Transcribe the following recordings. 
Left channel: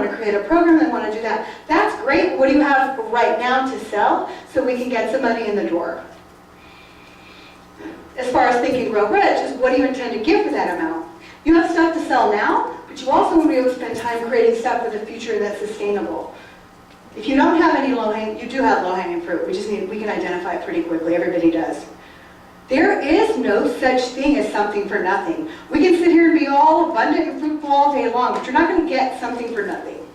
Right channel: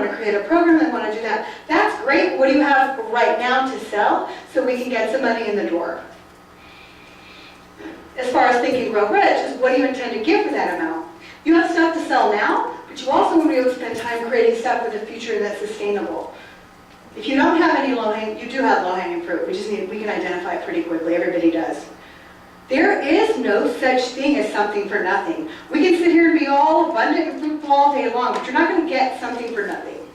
want to create a program, they want to do that. That's great. What do you have right now to sell so we can get some money in the door? As far as thinking grow rich, is what do you intend to give for that amount? You have stuff to sell now, but you also want to be able to spend time creating stuff for the future that's sustainable. If you don't have any low-hanging, you do have low-hanging fruit. We can identify it pretty quickly. Everybody does. There is no such thing as something for nothing. We can sit here and be all abundant and fruitful all day long, but you're not going to get something for nothing.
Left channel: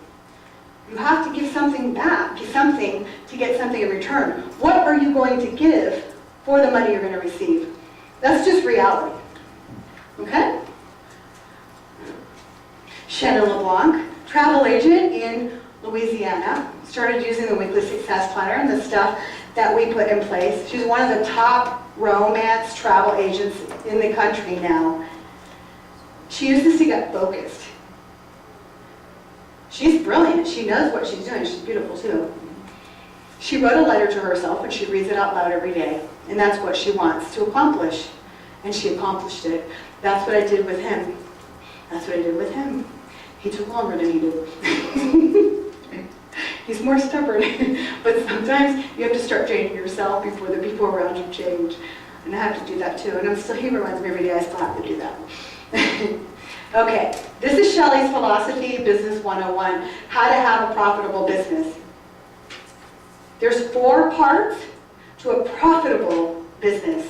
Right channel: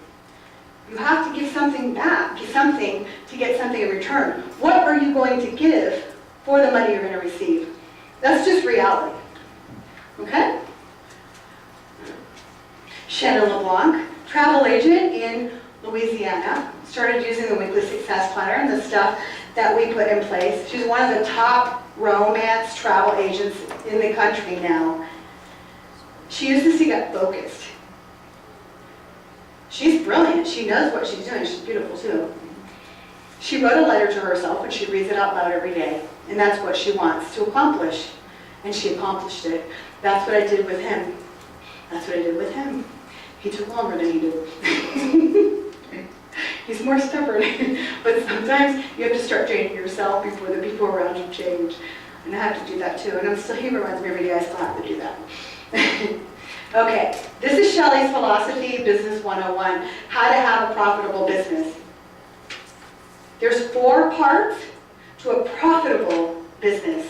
You have to give something back, give something to get something in return. What are you going to give for the money you're going to receive? That's just reality. Okay? Shannon LeBlanc, travel agent in Louisiana, started using the weekly success planner and the stuff that we put in place. She's one of the top romance travel agents in the country now. She uses to get focused. She's brilliant. She knows what she's doing. She's beautiful too. She wrote a letter to herself and she reads it out loud every day. And that's what she wants to accomplish. And she accomplished it. That's what I did with him. That's what I did with him. He took longer than he did. He's more stubborn. But sometimes you have to start changing yourself before the people around you change. And I have to do that too. And he reminds me every day I still have to do that. Okay, this is Shelley's philosophy, Business 101, how to have a profitable business. There's 4 parts to a profitable business.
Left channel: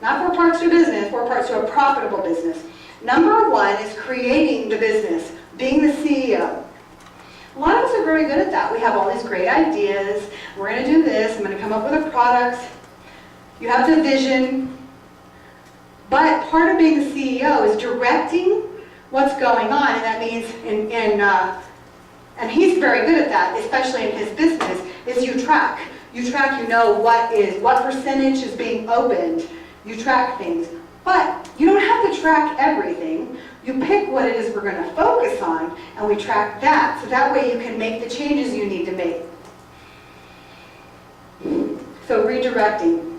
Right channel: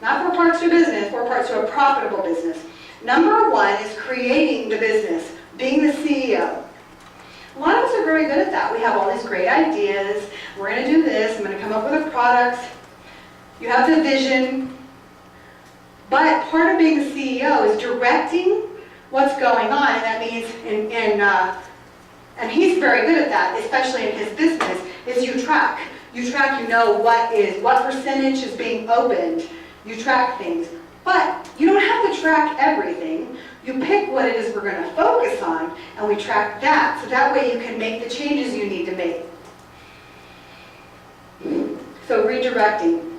Not 4 parts to a business, 4 parts to a profitable business. Number 1 is creating the business, being the CEO. A lot of us are very good at that. We have all these great ideas. We're going to do this. I'm going to come up with a product. You have the vision. But part of being the CEO is directing what's going on. And that means, and he's very good at that, especially in his business, is you track. You track, you know what percentage is being opened. You track things. But you don't have to track everything. You pick what it is we're going to focus on, and we track that. So that way you can make the changes you need to make. So redirecting.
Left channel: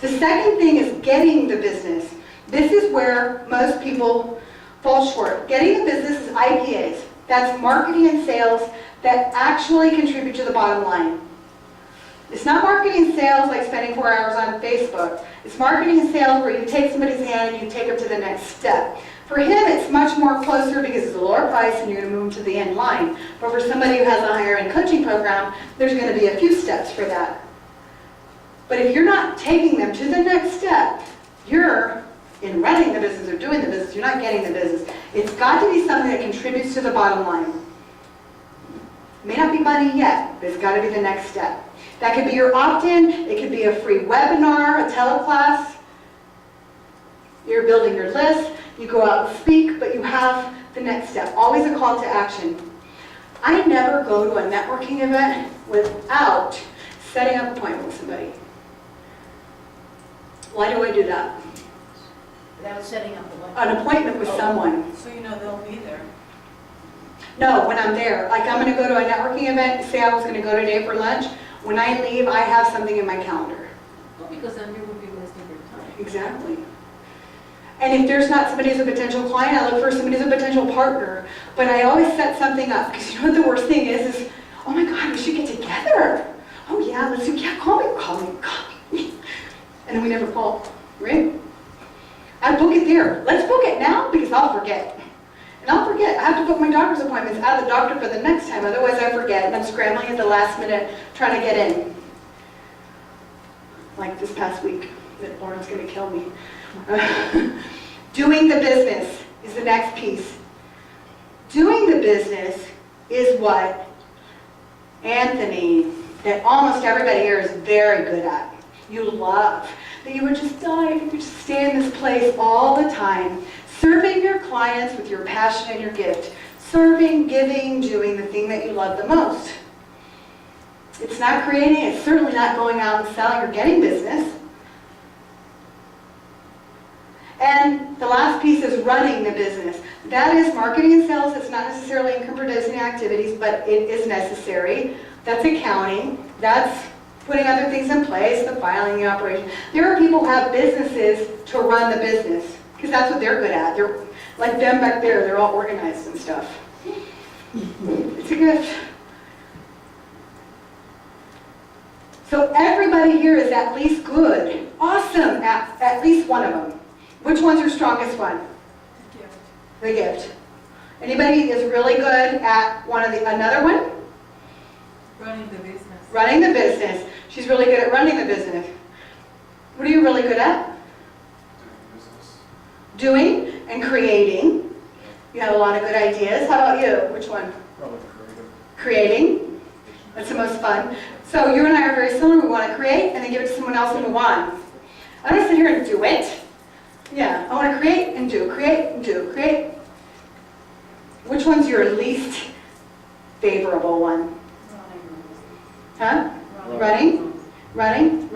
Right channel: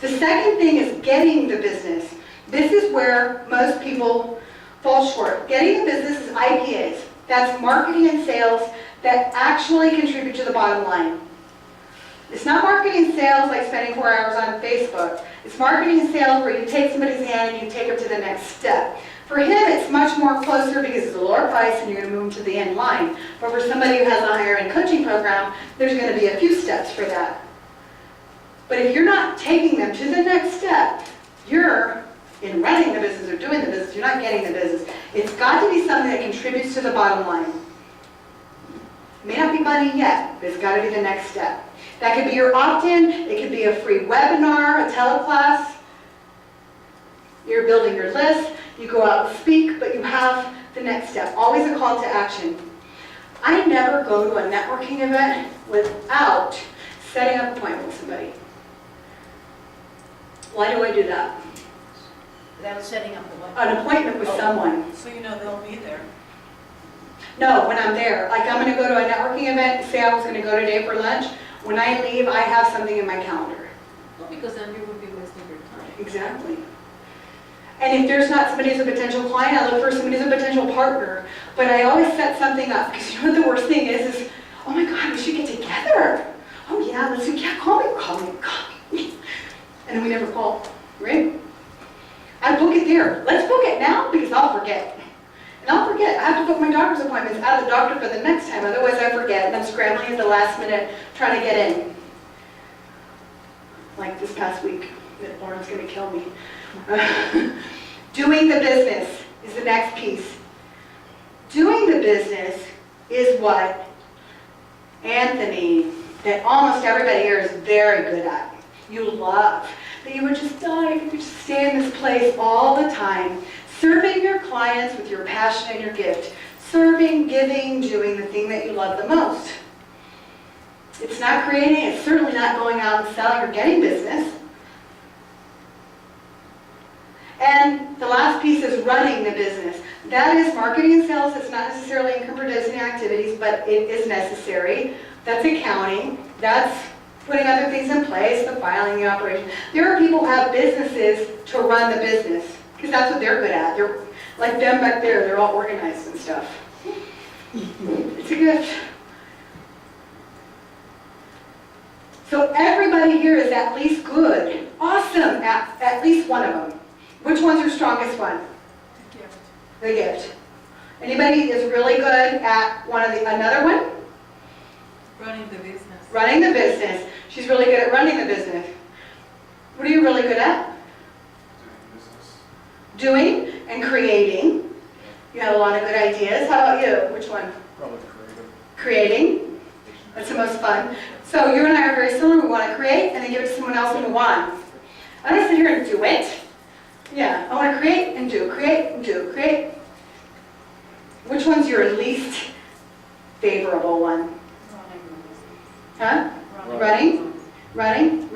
The second thing is getting the business. This is where most people fall short. Getting the business is IPAs. That's marketing and sales that actually contribute to the bottom line. It's not marketing and sales like spending 4 hours on Facebook. It's marketing and sales where you take somebody's hand and you take them to the next step. For him, it's much more closer because it's a lower price and you're going to move him to the end line. But for somebody who has a higher end coaching program, there's going to be a few steps for that. But if you're not taking them to the next step, you're in running the business or doing the business, you're not getting the business. It's got to be something that contributes to the bottom line. It may not be money yet, but it's got to be the next step. That could be your opt-in, it could be a free webinar, a teleclass. You're building your list, you go out and speak, but you have the next step. Always a call to action. I never go to a networking event without setting up an appointment with somebody. Why do I do that? Without setting up an appointment with someone. So you know they'll be there. No, when I'm there. Like I'm going to go to a networking event, say I was going to go today for lunch. When I leave, I have something in my calendar. Well, because then you would be wasting your time. Exactly. And if there's not somebody who's a potential client, I look for somebody who's a potential partner. But I always set something up, because you know what the worst thing is oh my God, we should get together. Oh yeah, let's do, yeah, call me. And then we never call, right? I book it there. Let's book it now, because I'll forget. And I'll forget. I have to book my doctor's appointments out of the doctor for the next time, otherwise I forget, and I'm scrambling at the last minute trying to get in. Like this past week, that Lauren's going to kill me. Doing the business is the next piece. Doing the business is what Anthony, that almost everybody here is very good at. You love. That you would just die if you could just stay in this place all the time. Serving your clients with your passion and your gift. Serving, giving, doing the thing that you love the most. It's not creating, it's certainly not going out and selling or getting business. And the last piece is running the business. That is marketing and sales. It's not necessarily income producing activities, but it is necessary. That's accounting. That's putting other things in place, the filing, the operation. There are people who have businesses to run the business, because that's what they're good at. They're like them back there, they're all organized and stuff. It's a gift. So everybody here is at least good, awesome at least one of them. Which one's your strongest one? The gift. Anybody is really good at another one? Running the business. Running the business. She's really good at running the business. What are you really good at? Doing business. Doing and creating. You have a lot of good ideas. How about you? Which one? Probably creative. Creating. That's the most fun. So you and I are very similar. We want to create and then give it to someone else and move on. I don't sit here and do it. Yeah, I want to create and do, create and do, create. Which one's your least favorable one? Huh? Running? Running?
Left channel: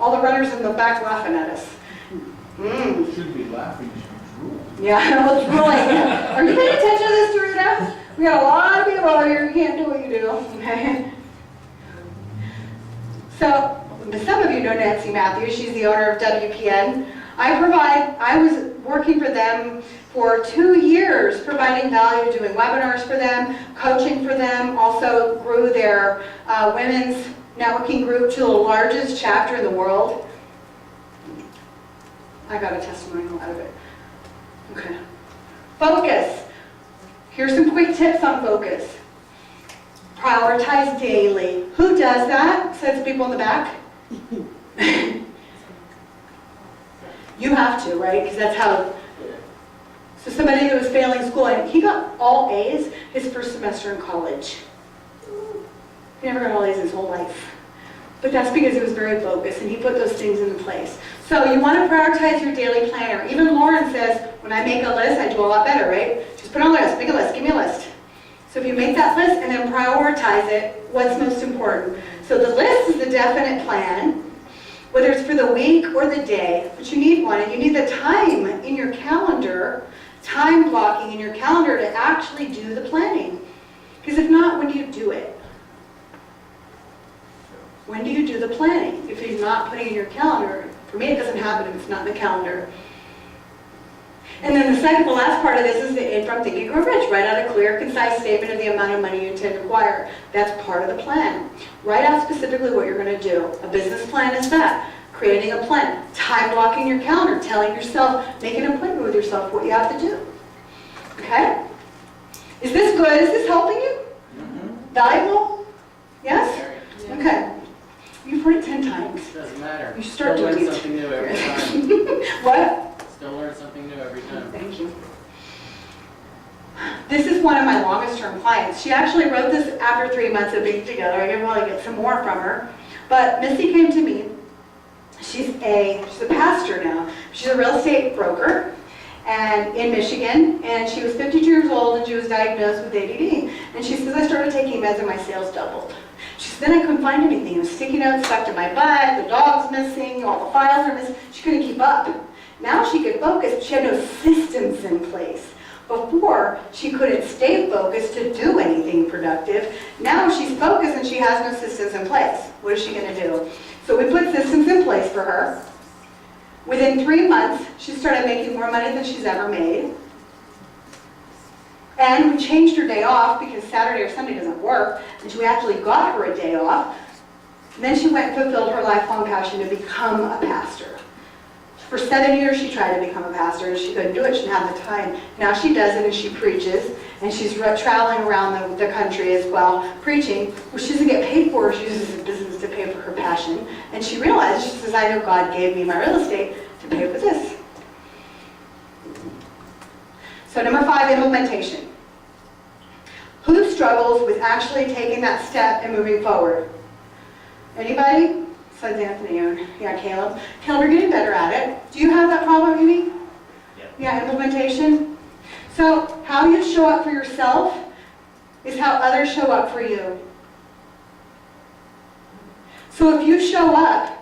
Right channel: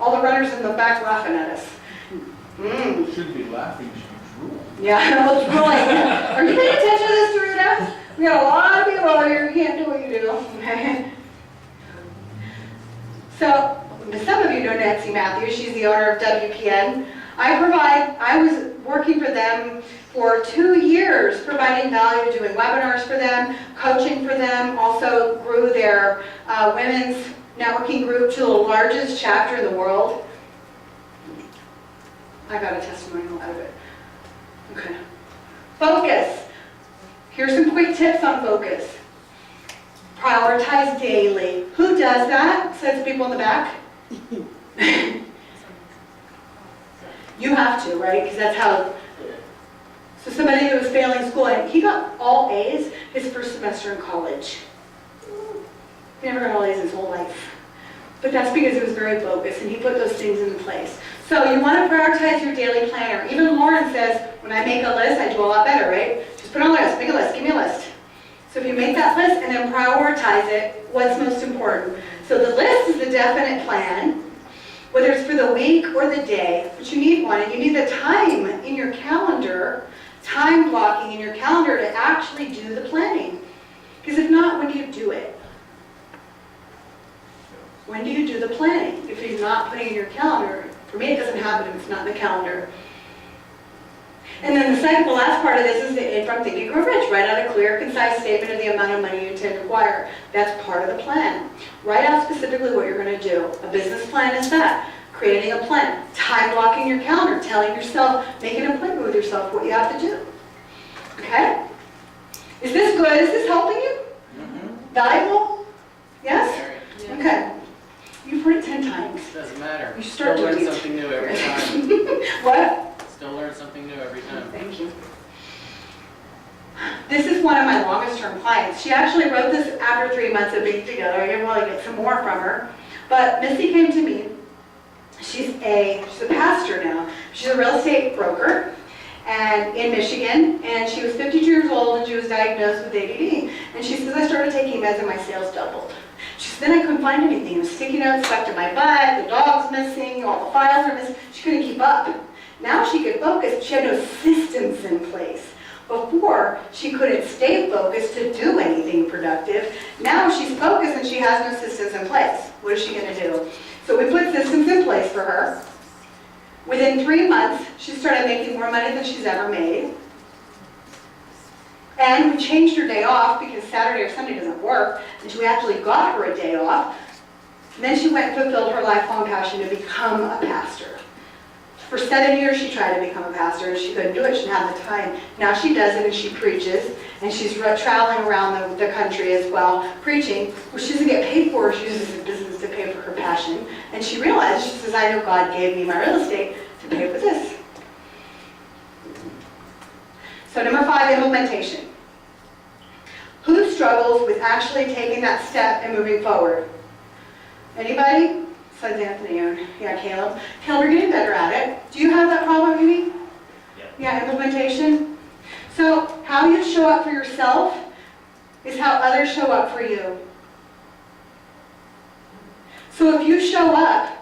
All the runners in the back laughing at us. You shouldn't be laughing, you should be drooling. Yeah, well, it's really, are you paying attention to this, Dorita? We got a lot of people over here who can't do what you do. Okay. So, some of you know Nancy Matthews. She's the owner of WPN. I was working for them for 2 years, providing value, doing webinars for them, coaching for them, also grew their women's networking group to the largest chapter in the world. I got a testimonial out of it. Okay. Focus. Here's some quick tips on focus. Prioritize daily. Who does that? Besides the people in the back? You have to, right? Because that's how. So somebody who was failing school, and he got all A's his first semester in college. He never got all A's his whole life. But that's because he was very focused and he put those things in place. So you want to prioritize your daily planner. Even Lauren says, when I make a list, I do a lot better, right? Just put on a list, make a list, give me a list. So if you make that list and then prioritize it, what's most important? So the list is the definite plan, whether it's for the week or the day, but you need one, and you need the time in your calendar, time blocking in your calendar to actually do the planning. Because if not, when do you do it? When do you do the planning? If you're not putting it in your calendar, for me it doesn't happen if it's not in the calendar. And then the last part of this is from Think and Grow Rich. Write out a clear, concise statement of the amount of money you intend to acquire. That's part of the plan. Write out specifically what you're going to do. A business plan is that. Creating a plan. Time blocking your calendar. Telling yourself, making an appointment with yourself what you have to do. Okay? Is this good? Is this helping you? Mm-hmm. Valuable? Yes? Very. Okay. You've heard it 10 times. Doesn't matter. You start Still learn doing it. something new every time. What? Still learn something new every time. Thank you. This is one of my longest term clients. She actually wrote this after 3 months of being together. I can probably get some more from her. But Missy came to me. She's a pastor now. She's a real estate broker and in Michigan, and she was 52 years old and she was diagnosed with ADD. And she says, I started taking meds and my sales doubled. She said, then I couldn't find anything. It was sticky notes stuck to my butt, the dog's missing, all the files are missing. She couldn't keep up. Now she could focus, but she had no systems in place. Before, she couldn't stay focused to do anything productive. Now she's focused and she has no systems in place. What is she going to do? So we put systems in place for her. Within 3 months, she started making more money than she's ever made. And we changed her day off because Saturday or Sunday doesn't work, and we actually got her a day off. And then she went and fulfilled her lifelong passion to become a pastor. For 7 years, she tried to become a pastor, and she couldn't do it. She didn't have the time. Now she does it, and she preaches, and she's traveling around the country as well, preaching, which she doesn't get paid for. She uses the business to pay for her passion. And she realized, she says, I know God gave me my real estate to pay for this. So number 5, implementation. Who struggles with actually taking that step and moving forward? Anybody? Besides Anthony or, yeah, Caleb. Caleb, you're getting better at it. Do you have that problem, maybe? Yeah. Yeah, implementation. So how you show up for yourself is how others show up for you. So if you show up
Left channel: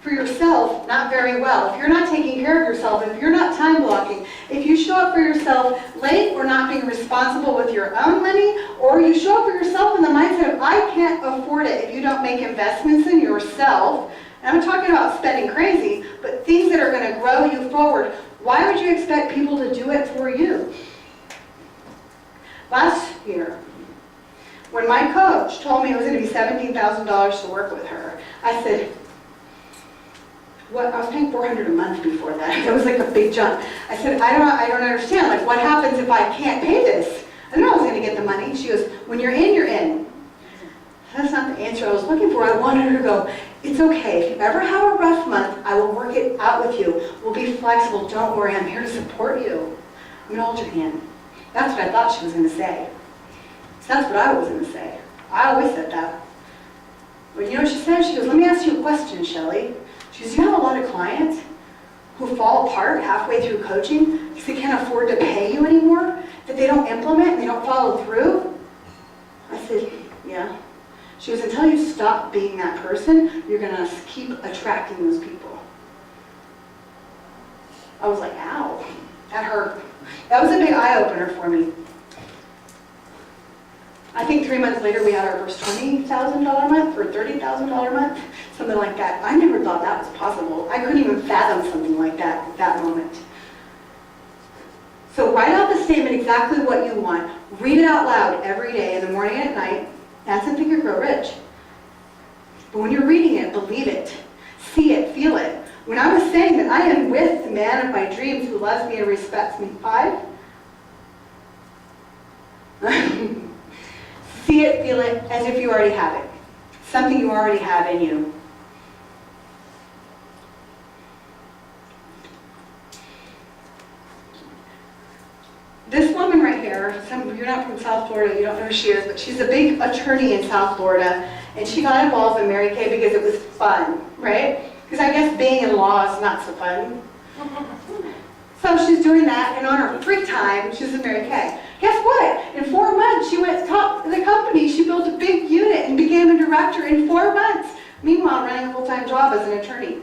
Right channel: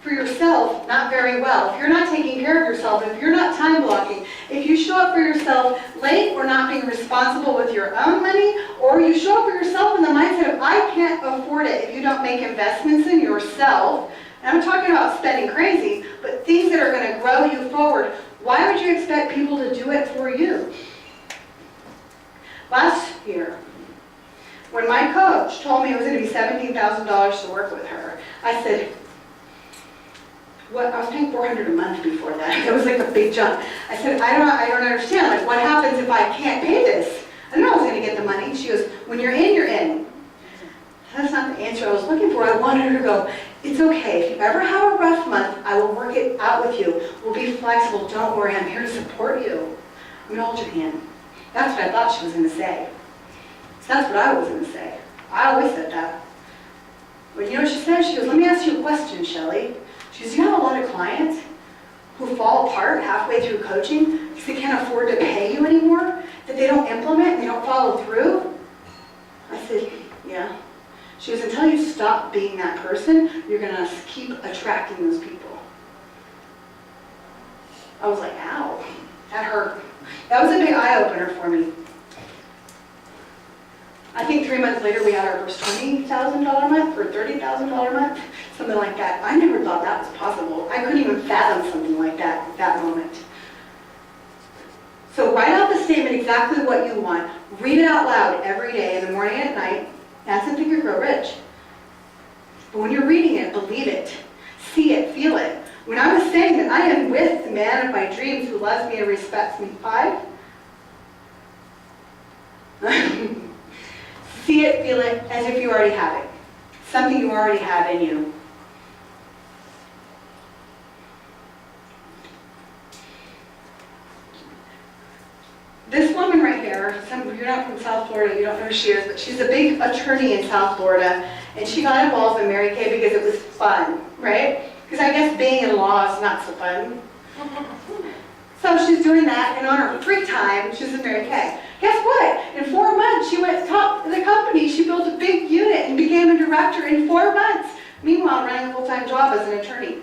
for yourself not very well, if you're not taking care of yourself, if you're not time blocking, if you show up for yourself late or not being responsible with your own money, or you show up for yourself in the mindset of I can't afford it if you don't make investments in yourself, and I'm talking about spending crazy, but things that are going to grow you forward, why would you expect people to do it for you? Last year, when my coach told me it was going to be $17,000 to work with her, I said, what? I was paying $400 a month before that. It was like a big jump. I said, I don't understand. Like, what happens if I can't pay this? I knew I was going to get the money. She goes, when you're in, you're in. That's not the answer I was looking for. I wanted her to go, it's okay. If you ever have a rough month, I will work it out with you. We'll be flexible. Don't worry. I'm here to support you. I'm going to hold your hand. That's what I thought she was going to say. So that's what I was going to say. I always said that. But you know what she said? She goes, let me ask you a question, Shelley. She goes, you have a lot of clients who fall apart halfway through coaching because they can't afford to pay you anymore, that they don't implement and they don't follow through? I said, yeah. She goes, until you stop being that person, you're going to keep attracting those people. I was like, ow, that hurt. That was a big eye-opener for me. I think 3 months later we had our first $20,000 month or $30,000 month, something like that. I never thought that was possible. I couldn't even fathom something like that at that moment. So write out the statement exactly what you want. Read it out loud every day, in the morning and at night. That's in Think and Grow Rich. But when you're reading it, believe it. See it, feel it. When I was saying that I am with the man of my dreams who loves me and respects me, 5. See it, feel it, as if you already have it. Something you already have in you. This woman right here, you're not from South Florida, you don't know who she is, but she's a big attorney in South Florida, and she got involved in Mary Kay because it was fun, right? Because I guess being in law is not so fun. So she's doing that, and on her free time, she's in Mary Kay. Guess what? In 4 months, she went top of the company. She built a big unit and became a director in 4 months. Meanwhile, running a full-time job as an attorney.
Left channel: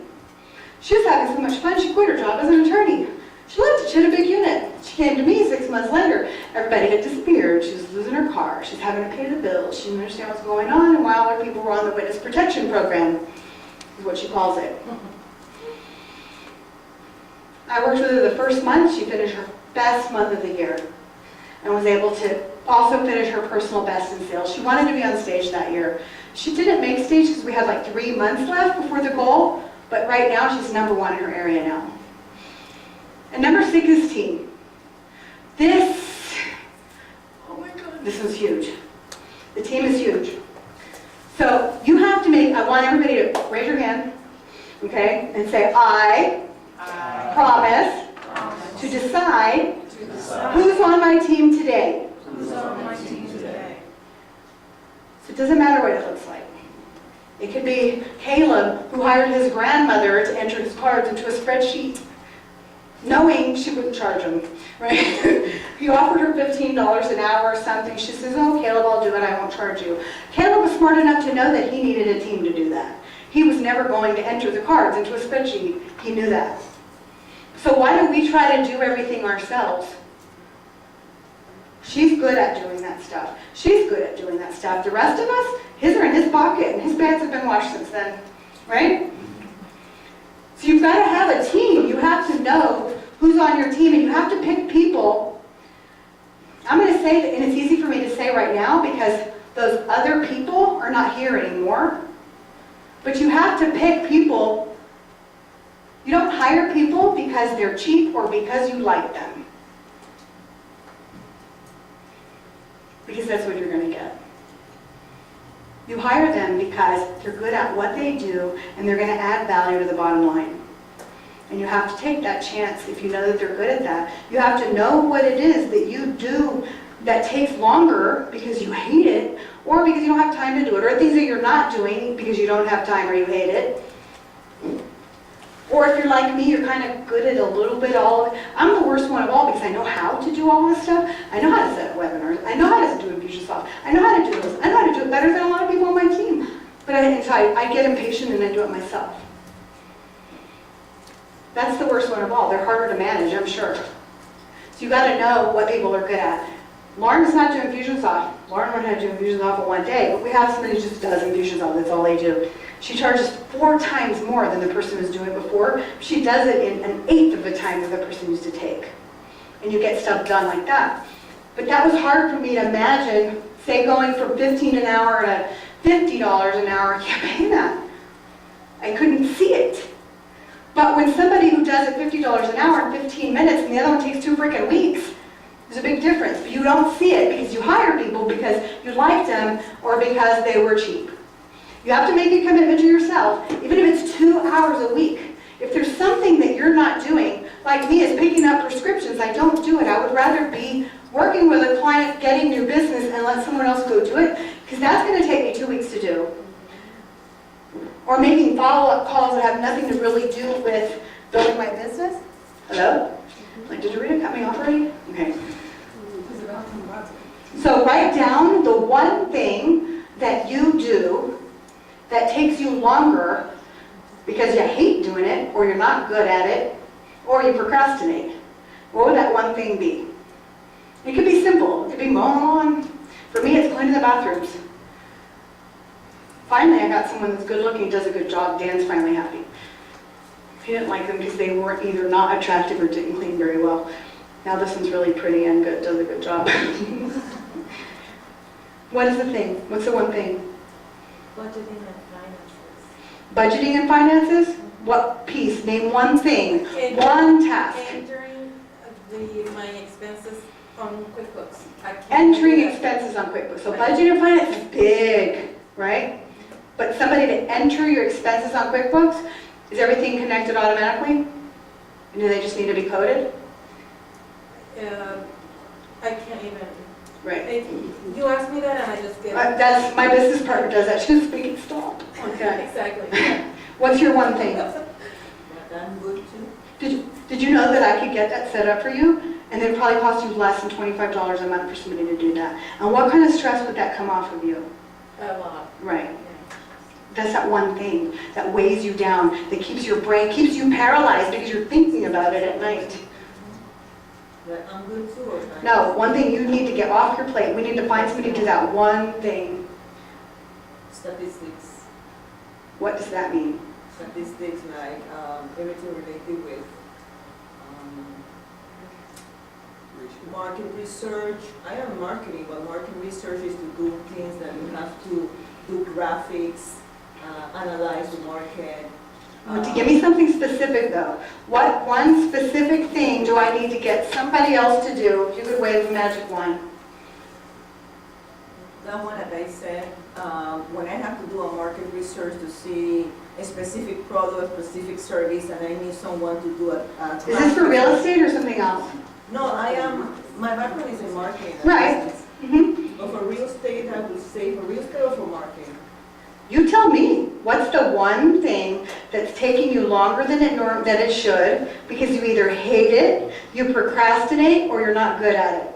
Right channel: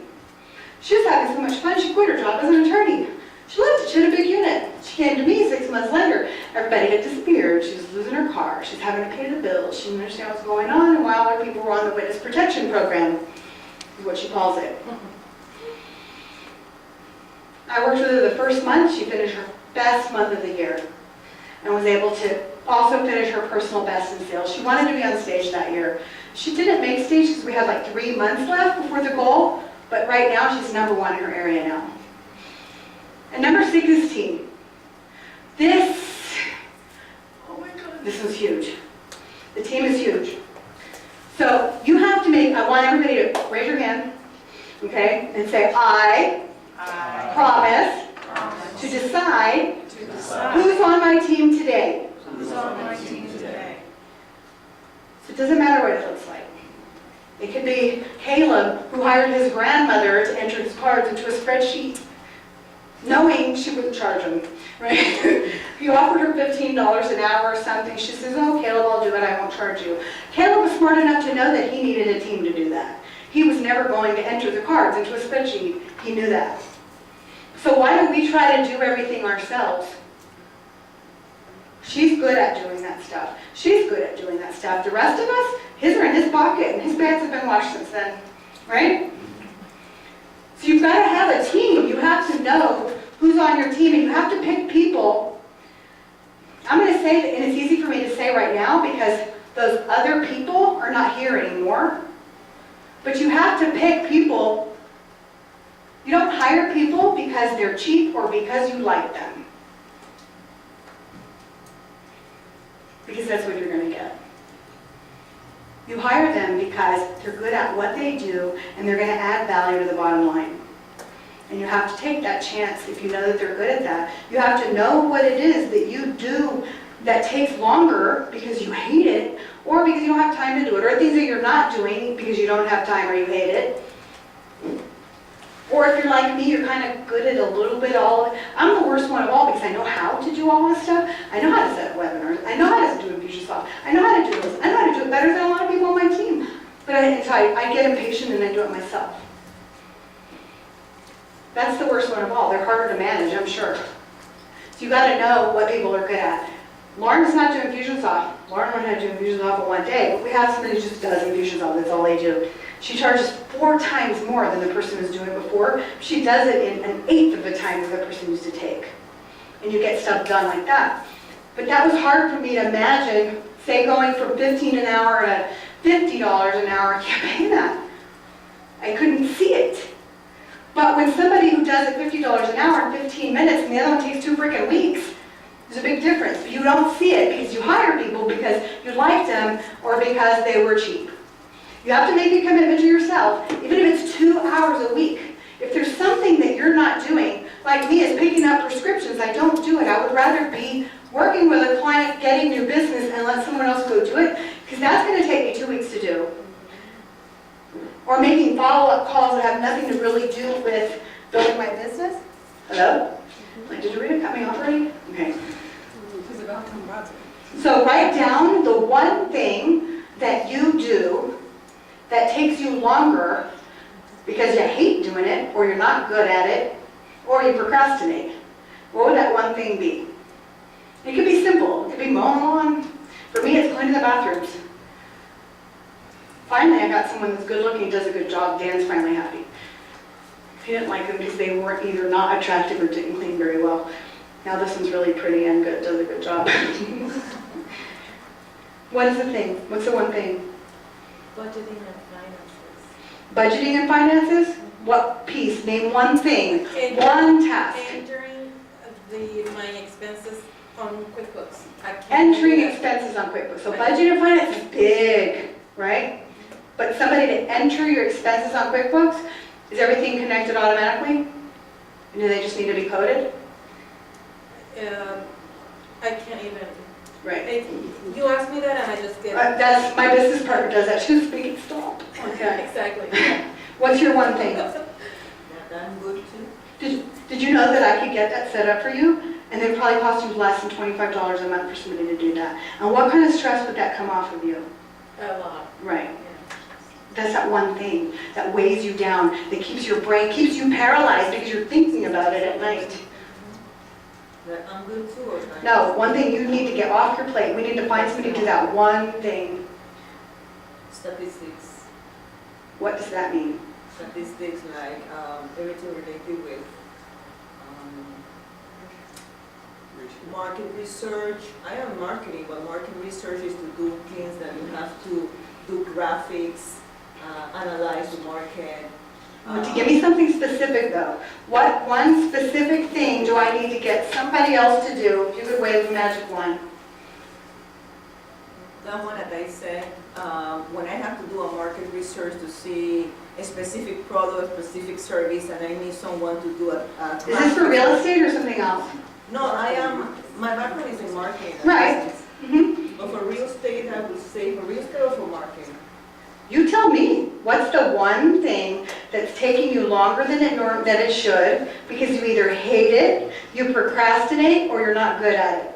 She was having so much fun, she quit her job as an attorney. She loved it. She had a big unit. She came to me 6 months later. Everybody had disappeared. She was losing her car. She's having to pay the bills. She didn't understand what's going on, and while other people were on the witness protection program, is what she calls it. I worked with her the first month. She finished her best month of the year and was able to also finish her personal best in sales. She wanted to be on stage that year. She didn't make stage because we had like 3 months left before the goal, but right now she's #1 in her area now. And number 6 is team. Oh my God, this is huge. The team is huge. So you have to I want everybody to raise your hand, okay, and say, I promise to decide who's on my team today. Who's on my team today? So it doesn't matter what it looks like. It could be Caleb, who hired his grandmother to enter his cards into a spreadsheet, knowing she wouldn't charge him, right? He offered her $15 an hour or something. She says, oh, Caleb, I'll do it. I won't charge you. Caleb was smart enough to know that he needed a team to do that. He was never going to enter the cards into a spreadsheet. He knew that. So why do we try to do everything ourselves? She's good at doing that stuff. She's good at doing that stuff. The rest of us, his are in his pocket, and his pants have been washed since then, right? So you've got to have a team. You have to know who's on your team, and you have to pick people. I'm going to say that, and it's easy for me to say right now because those other people are not here anymore. But you have to pick people. You don't hire people because they're cheap or because you like them. Because that's what you're going to get. You hire them because they're good at what they do and they're going to add value to the bottom line. And you have to take that chance if you know that they're good at that. You have to know what it is that you do that takes longer because you hate it or because you don't have time to do it, or things that you're not doing because you don't have time or you hate it. Or if you're like me, you're kind of good at a little bit all of it. I'm the worst one of all because I know how to do all this stuff. I know how to set up webinars. I know how to do Infusionsoft. I know how to do this. I know how to do it better than a lot of people on my team. But I get impatient and I do it myself. That's the worst one of all. They're harder to manage, I'm sure. So you got to know what people are good at. Lauren is not doing Infusionsoft. Lauren learned how to do Infusionsoft in 1 day, but we have somebody who just does Infusionsoft. That's all they do. She charges 4 times more than the person who's doing it before. She does it in 1/8 of the time that the person used to take. And you get stuff done like that. But that was hard for me to imagine, say going from 15 an hour to $50 an hour, I can't pay that. I couldn't see it. But when somebody who does it $50 an hour in 15 minutes and the other one takes 2 freaking weeks, there's a big difference. But you don't see it because you hire people because you liked them or because they were cheap. You have to make a commitment to yourself, even if it's 2 hours a week. If there's something that you're not doing, like me is picking up prescriptions, I don't do it. I would rather be working with a client, getting new business, and let someone else go do it, because that's going to take me 2 weeks to do. Or making follow-up calls that have nothing to really do with building my business. Hello? Like, did Rita cut me off already? Okay. So write down the one thing that you do that takes you longer because you hate doing it, or you're not good at it, or you procrastinate. What would that one thing be? It could be simple. It could be mowing the lawn. For me, it's cleaning the bathrooms. Finally, I got someone that's good looking, does a good job. Dan's finally happy. He didn't like them because they weren't either not attractive or didn't clean very well. Now this one's really pretty and good, does a good job. What is the thing? What's the one thing? Budgeting and finances. Budgeting and finances? What piece? Name one thing. One task. Entering my expenses on QuickBooks. I can't Entering do that. expenses on QuickBooks. So budget and finance is big, right? But somebody to enter your expenses on QuickBooks, is everything connected automatically? And do they just need to be coded? I can't even. Right. You asked me that and I just did. That's, my business partner does that. She was speaking, stop. Okay. Exactly. What's your one thing? I'm good too. Did you know that I could get that set up for you? And it would probably cost you less than $25 a month for somebody to do that. And what kind of stress would that come off of you? A lot. Right. Yeah. That's that one thing that weighs you down, that keeps your brain, keeps you paralyzed because you're thinking about it at night. But I'm good too, or not? No, one thing you need to get off your plate. We need to find somebody to do that one thing. Statistics. What does that mean? Statistics like everything related with market research. I am marketing, but market research is to do things that you have to do graphics, analyze the market. Give me something specific though. What one specific thing do I need to get somebody else to do if you could wave a magic wand? That one that I said, when I have to do a market research to see a specific product, specific service, and I need someone to do a Is this for real estate or something else? No, my background is in marketing. and Right. business. Mm-hmm. But for real estate, I would say for real estate or for marketing? You tell me, what's the one thing that's taking you longer than it should because you either hate it, you procrastinate, or you're not good at it?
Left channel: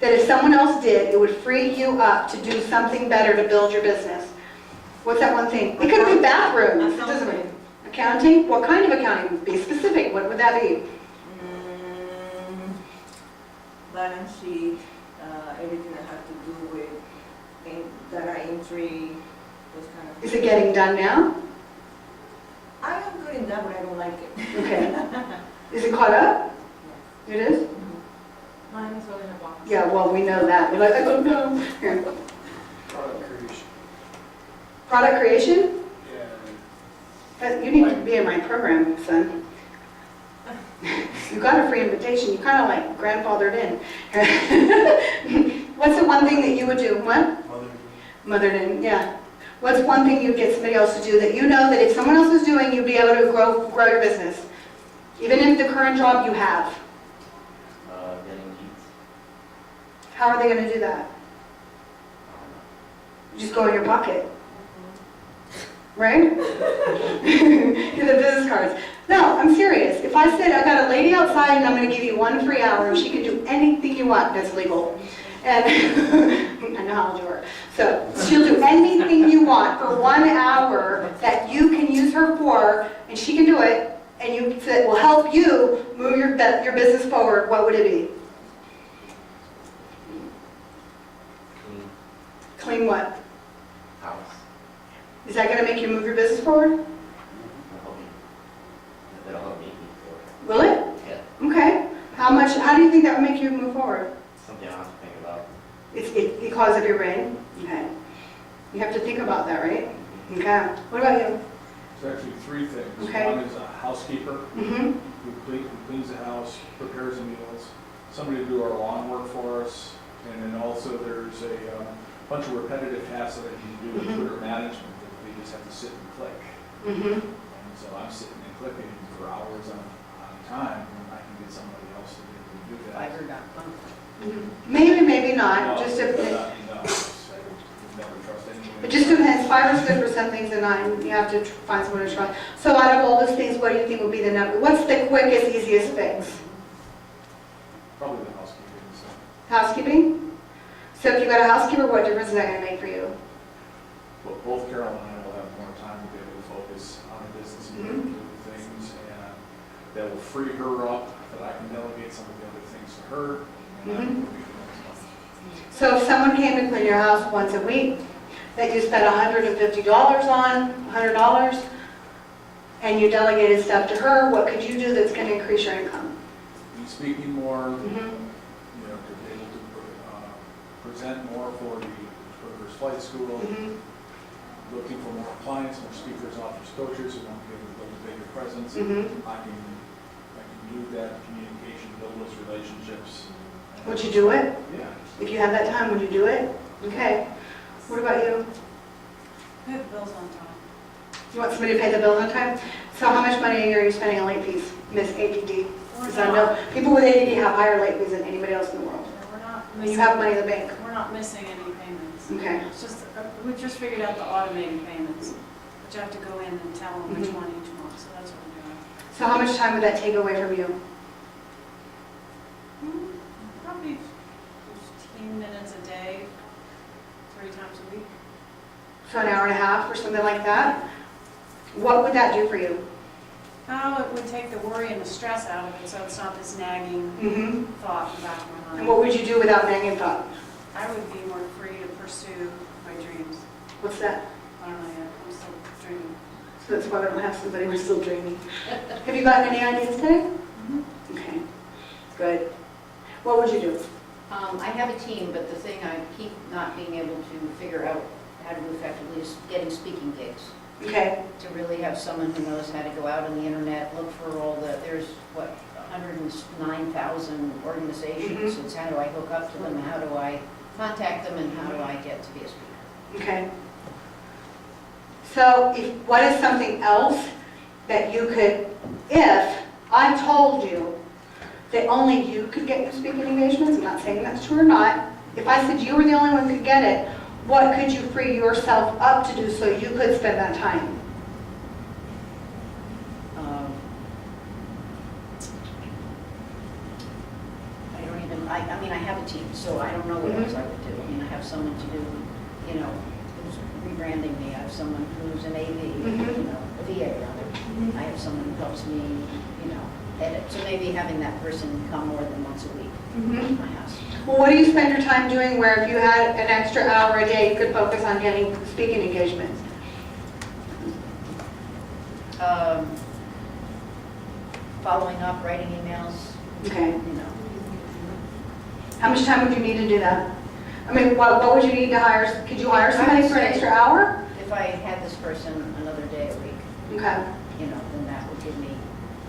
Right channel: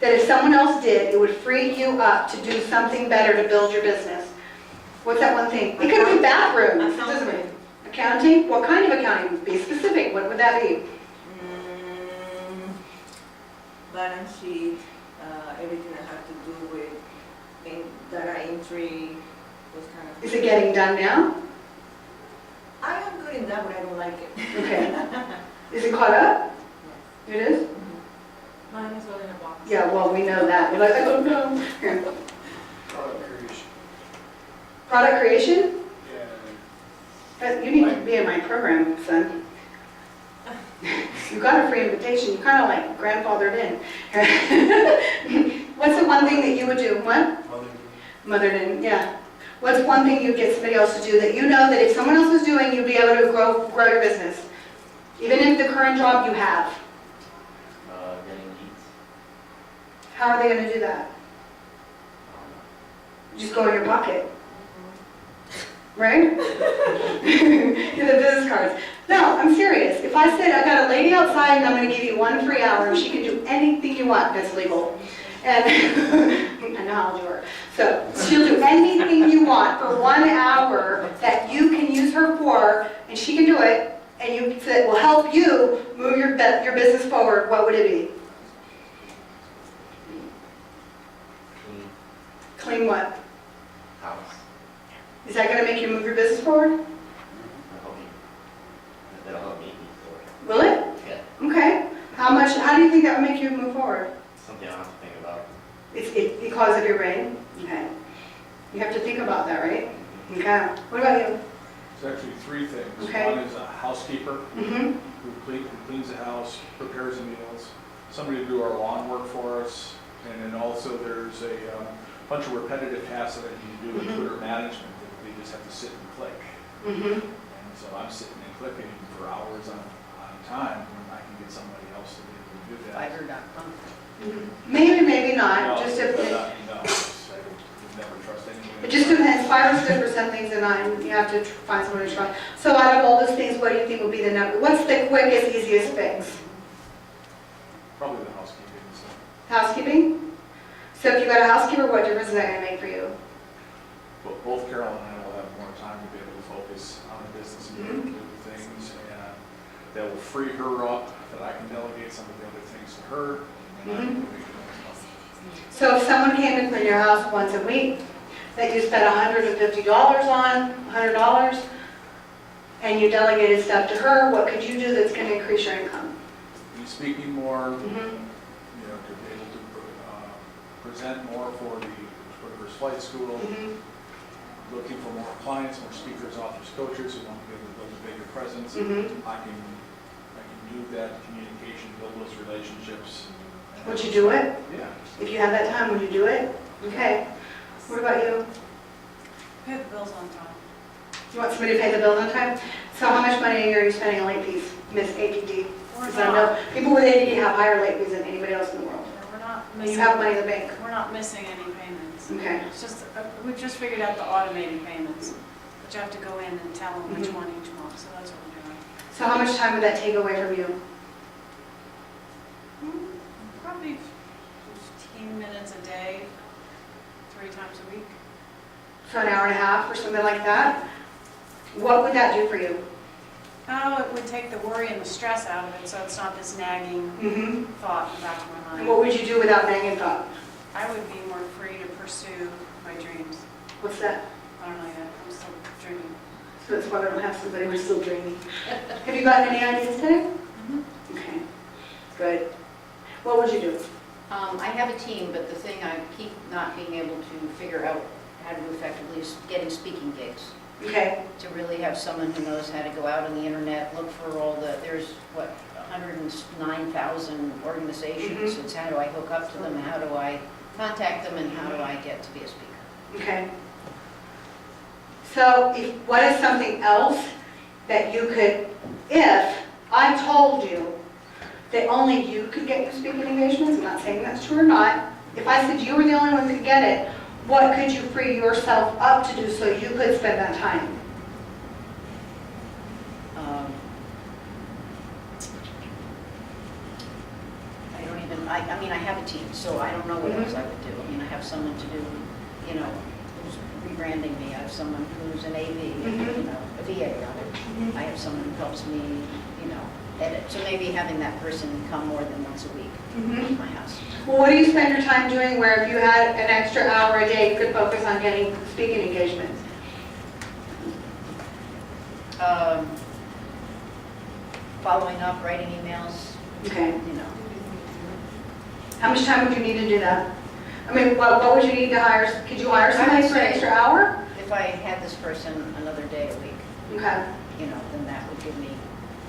That if someone else did, it would free you up to do something better to build your business. What's that one thing? It could be bathrooms, doesn't it? Accounting? What kind of accounting? Be specific. What would that be? Balance sheet, everything that has to do with data entry, those kind of things. Is it getting done now? I am good in that, but I don't like it. Okay. Is it caught up? It is? Mine is all in a box. Yeah, well, we know that. You're like, I don't know. Here. Product creation. Product creation? Yeah. You need to be in my program, son. You got a free invitation. You kind of like grandfathered in. What's the one thing that you would do? What? Mothered in, yeah. What's one thing you'd get somebody else to do that you know that if someone else was doing, you'd be able to grow your business? Even in the current job you have. Getting leads. How are they going to do that? Just go in your pocket. Right? Get the business cards. No, I'm serious. If I said, I got a lady outside and I'm going to give you 1 free hour and she can do anything you want, that's legal. And I know how old you are. So she'll do anything you want for 1 hour that you can use her for, and she can do it, and you said will help you move your business forward, what would it be? Clean Clean what? house. Is that going to make you move your business forward? That'll help me. That'll help me. Will it? Yeah. Okay. How how do you think that would make you move forward? Something I'll have to think about. It's because of your brain? Okay. You have to think about that, right? Okay. What about you? It's actually three things. Okay. One is a housekeeper Mm-hmm. who cleans the house, prepares the meals, somebody to do our lawn work for us, and then also there's a bunch of repetitive tasks that I need to do with Twitter management that they just have to sit and click. Mm-hmm. And so I'm sitting and clicking for hours on time, and I can get somebody else to be able to do that. Fiverr.com. Maybe, maybe not, No, just but, if, no, you never trust anyone. it just depends. Fiverr's good for some things and not, and you have to find someone to trust. So out of all those things, what do you think would be the number? What's the quickest, easiest fix? Probably the housekeeping, so. Housekeeping? So if you got a housekeeper, what difference is that gonna make for you? But both Carol and I will have more time to be able to focus on the business and Mhm. do the things, and that will free her up, that I can delegate some of the other things to her, and I can make the most money. So if someone came to clean your house once a week, that you spent $150 on, $100, and you delegated stuff to her, what could you do that's gonna increase your income? Be speaking more, Mhm. you know, to be able to present more for the Reverse Flight School, Mhm. looking for more clients, more speakers, authors, coaches who want to be able to build a bigger presence. Mhm. I can do that communication, build those relationships. Would you do it? Yeah. If you had that time, would you do it? Okay. What about you? Pay the bills on time. You want somebody to pay the bills on time? So how much money a year are you spending on late fees, Miss APD? We're Because I know not, people with ADD have higher late fees than anybody else in the world. we're not And missing. you have money in the bank. We're not missing any payments. Okay. It's just, we've just figured out the automated payments, but you have to go in and tell them which Mhm. one each month, so that's what we're doing. So how much time would that take away from you? Probably 15 minutes a day, 3 times a week. So an hour and a half or something like that? What would that do for you? Oh, it would take the worry and the stress out of it, so it's not this nagging Mm-hmm. thought in the back of my And mind. what would you do without nagging thought? I would be more free to pursue my dreams. What's that? I don't know yet, I'm still dreaming. So that's why I don't have somebody who's still dreaming. Have you gotten any ideas today? Okay, good. What would you do? I have a team, but the thing I keep not being able to figure out how to do effectively is getting speaking gigs. Okay, To really have someone who knows how to go out on the internet, look for all the, there's what, 109,000 organizations. Mhm. It's how do I hook up to them, how do I contact them, and how do I get to be a speaker? okay. So what is something else that you could, if I told you that only you could get your speaking engagements, I'm not saying that's true or not, if I said you were the only one who could get it, what could you free yourself up to do so you could spend that time? I don't even, I mean, I have a team, so I don't know what else I would do. I mean, I have someone to do, you know, who's rebranding me. I have someone who's an AV, you know, a VA rather. I have someone who helps me, you know, edit. So maybe having that person come more than once a week to my house. Well, what do you spend your time doing where if you had an extra hour a day, you could focus on getting speaking engagements? Following up, writing emails, Okay. you know. How much time would you need to do that? I mean, what would you need to hire? Could you hire somebody for an extra hour? If I had this person another day a week, Okay. you know, then that would give me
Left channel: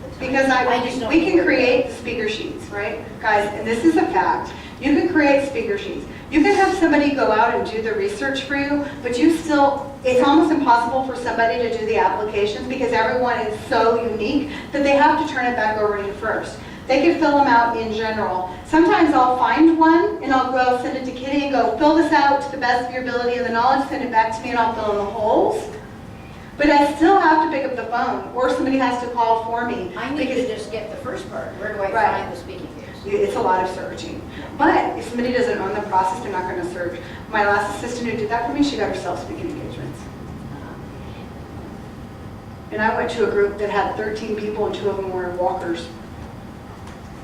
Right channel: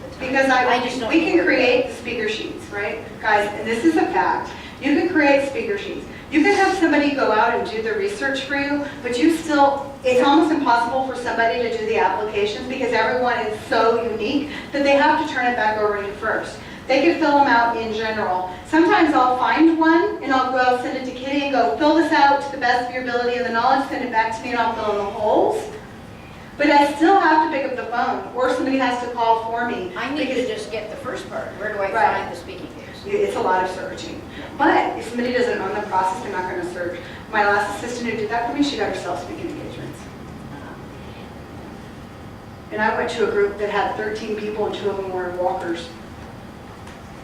the time. Because just don't we know can where to go. create speaker sheets, right? Guys, and this is a fact. You can create speaker sheets. You can have somebody go out and do the research for you, but you still, it's almost impossible for somebody to do the applications because everyone is so unique that they have to turn it back over to you first. They can fill them out in general. Sometimes I'll find one and I'll go send it to Kitty and go, fill this out to the best of your ability and the knowledge, send it back to me and I'll fill in the holes. But I still have to pick up the phone or somebody has to call for me. I need to because just get the first part. Where do I Right. find the speaking gigs? it's a lot of searching. But if somebody doesn't own the process, they're not going to search. My last assistant who did that for me, she got herself speaking engagements. And I went to a group that had 13 people and 2 of them were walkers.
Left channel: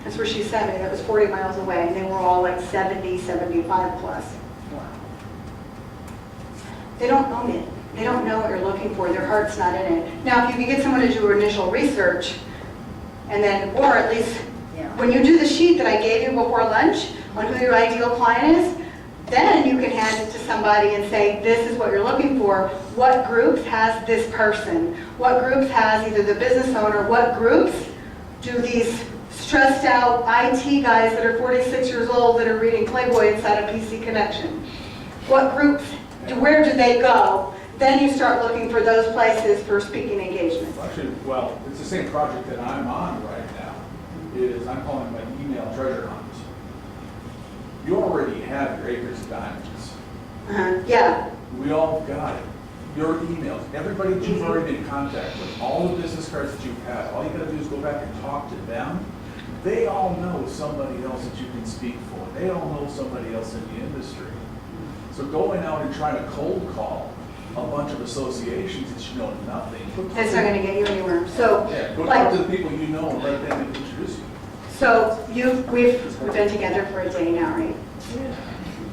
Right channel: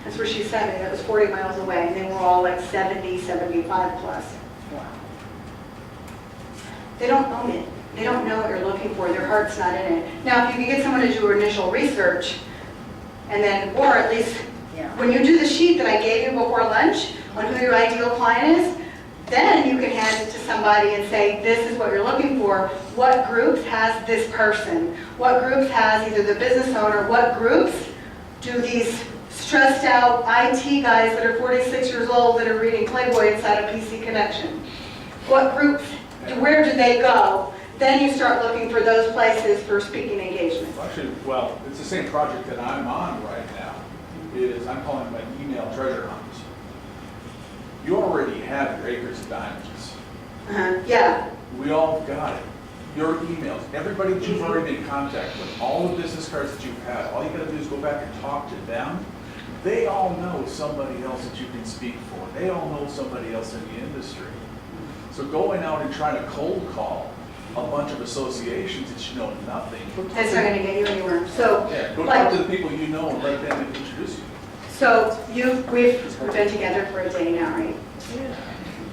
That's where she sent me. That was 40 miles away. And they were all like 70, 75 plus. Wow. They don't own it. They don't know what you're looking for. Their heart's not in it. Now, if you could get someone to do initial research, and then, or at least Yeah. When you do the sheet that I gave you before lunch on who your ideal client is, then you can hand it to somebody and say, this is what you're looking for. What groups has this person? What groups has either the business owner? What groups do these stressed out IT guys that are 46 years old that are reading Playboy inside of PC Connection? What groups, where do they go? Then you start looking for those places for speaking engagements. Actually, well, it's the same project that I'm on right now. I'm calling it my email treasure hunt. You already have your acres of diamonds. Yeah. We all got it. Your emails, everybody that you've already been in contact with, all the business cards that you've had, all you gotta do is go back and talk to them. They all know somebody else that you can speak for. They all know somebody else in the industry. So going out and trying to cold call a bunch of associations that you know nothing. That's not gonna get you anywhere. So, Yeah, go like, talk to the people you know and let them introduce you. so we've been together for a day now, right?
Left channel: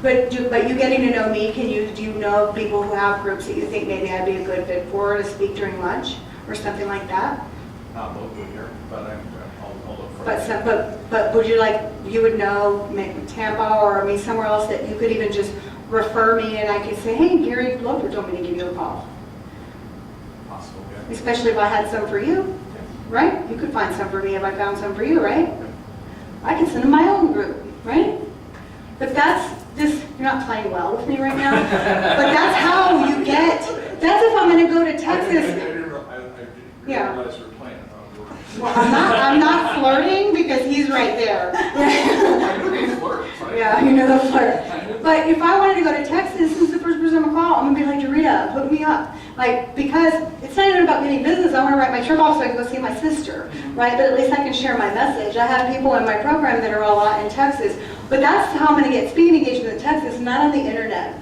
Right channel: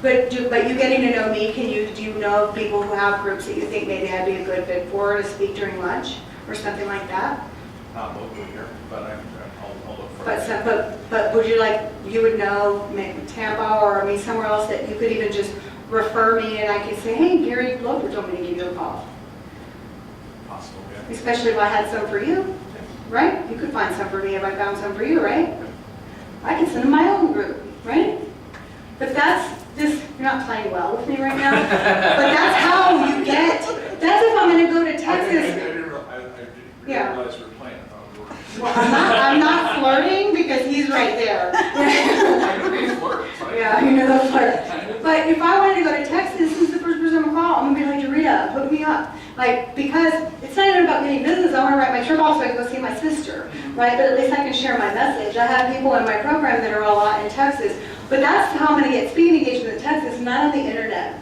But you getting to know me, do you know people who have groups that you think maybe I'd be a good fit for to speak during lunch or something like that? Not locally here, but I'll look for But it. but would you would know maybe Tampa or somewhere else that you could even just refer me and I could say, hey, Gary Loper told me to give you a call. Possible, yeah. Especially if I had some for you, right? You could find some for me if I found some for you, right? I can send them my own group, right? But you're not playing well with me right now, but that's how you get, that's if I'm gonna go to I Texas. didn't Yeah. realize we were playing. I thought we were. Well, I'm not flirting because he's right there. I knew they flirt, right? Yeah, you know the flirt. But if I wanted to go to Texas, who's the first person I'm gonna call? I'm gonna be like, Dorita, hook me up. Like, because it's not even about getting business, I wanna write my trip off so I can go see my sister, right? But at least I can share my message. I have people in my program that are all out in Texas, but that's how I'm gonna get speaking engagement in Texas, not on the internet.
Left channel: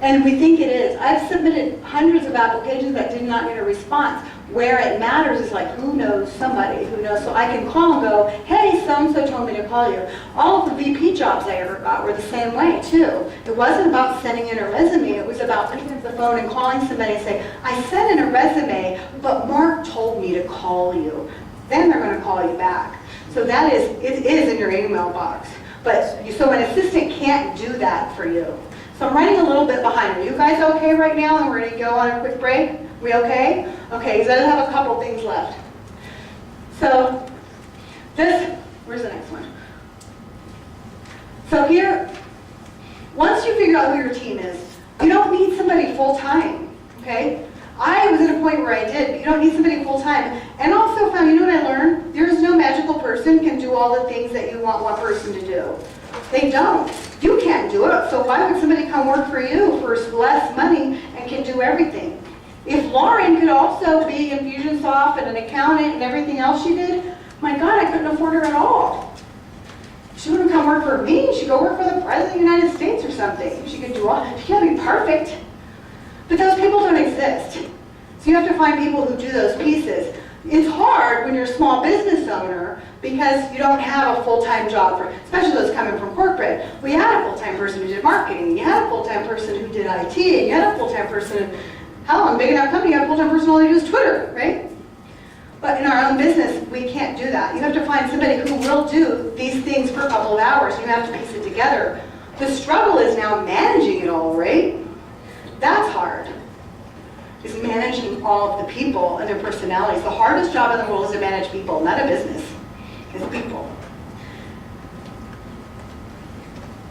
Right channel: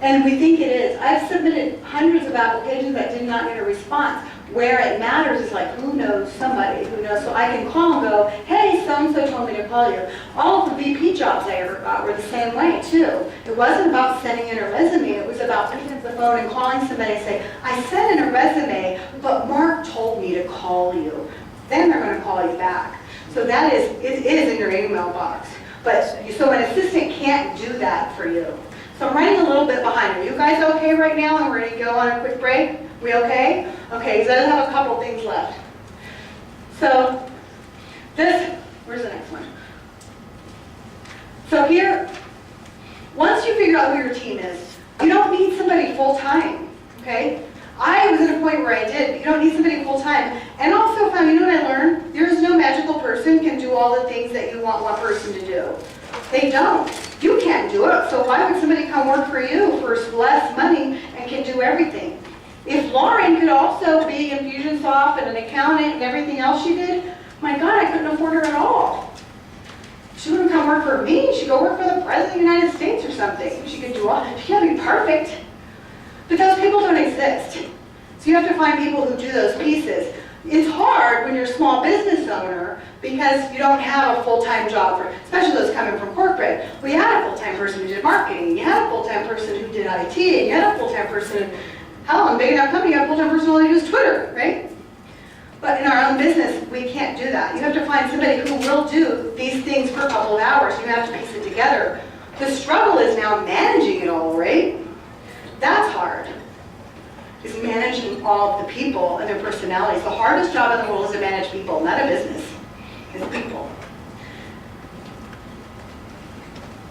And we think it is. I've submitted hundreds of applications that did not get a response. Where it matters is like, who knows somebody who knows, so I can call and go, hey, so-and-so told me to call you. All of the VP jobs I ever got were the same way too. It wasn't about sending in a resume, it was about picking up the phone and calling somebody and say, I sent in a resume, but Mark told me to call you. Then they're gonna call you back. So it is in your email box. But, so an assistant can't do that for you. So I'm running a little bit behind. Are you guys okay right now? And we're gonna go on a quick break? We okay? Okay, so I have a couple things left. So where's the next one? So here, once you figure out who your team is, you don't need somebody full-time, okay? I was at a point where I did, but you don't need somebody full-time. And also found, you know what I learned? There's no magical person can do all the things that you want one person to do. They don't. You can't do it, so why would somebody come work for you for less money and can do everything? If Lauren could also be Infusionsoft and an accountant and everything else she did, my God, I couldn't afford her at all. She wouldn't come work for me, she'd go work for the President of the United States or something. She could do all, she can't be perfect. But those people don't exist. So you have to find people who do those pieces. It's hard when you're a small business owner because you don't have a full-time job, especially those coming from corporate. Well, you had a full-time person who did marketing, you had a full-time person who did IT, and you had a full-time person, hell, in a big enough company, you have a full-time person who only does Twitter, right? But in our own business, we can't do that. You have to find somebody who will do these things for a couple of hours. You have to piece it together. The struggle is now managing it all, right? That's hard. Is managing all of the people and their personalities. The hardest job in the world is to manage people, not a business. It's people.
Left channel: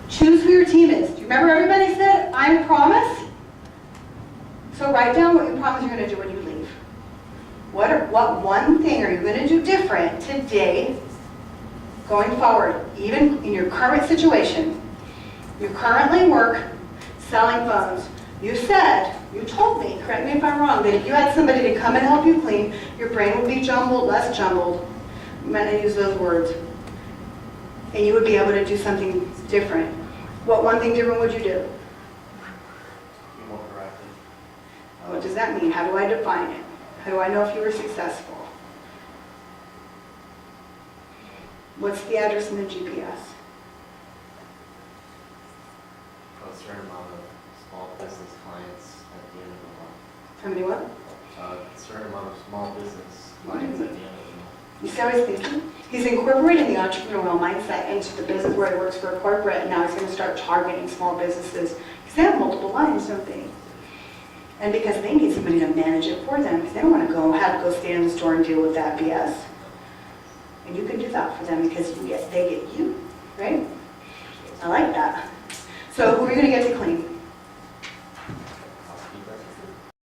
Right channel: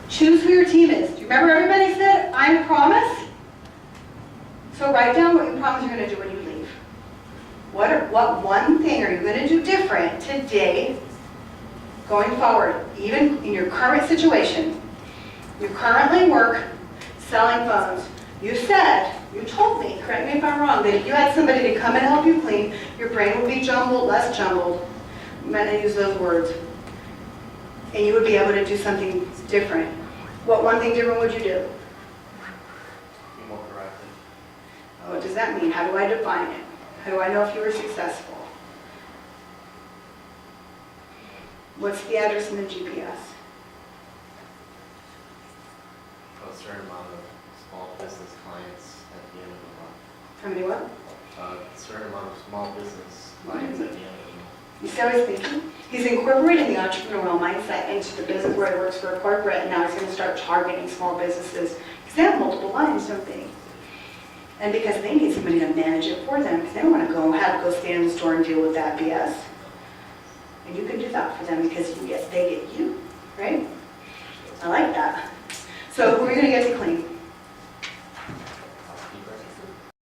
Choose who your team is. Do you remember everybody said, I promise? So write down what you promise you're going to do when you leave. What one thing are you going to do different today, going forward, even in your current situation? You currently work selling phones. You told me, correct me if I'm wrong, that if you had somebody to come and help you clean, your brain would be jumbled, less jumbled. I'm going to use those words. And you would be able to do something different. What one thing different would you do? Be more proactive. What does that mean? How do I define it? How do I know if you were successful? What's the address in the GPS? A certain amount of small business clients at the end of the month. How many what? A certain amount of small business clients at the end of the month. You see what I was thinking? He's incorporating the entrepreneurial mindset into the business where he works for a corporate, and now he's going to start targeting small businesses because they have multiple lines, don't they? And because they need somebody to manage it for them, because they don't want to have to go stand in the store and deal with that BS. And you can do that for them because they get you, right? I like that. So who are you going to get to clean?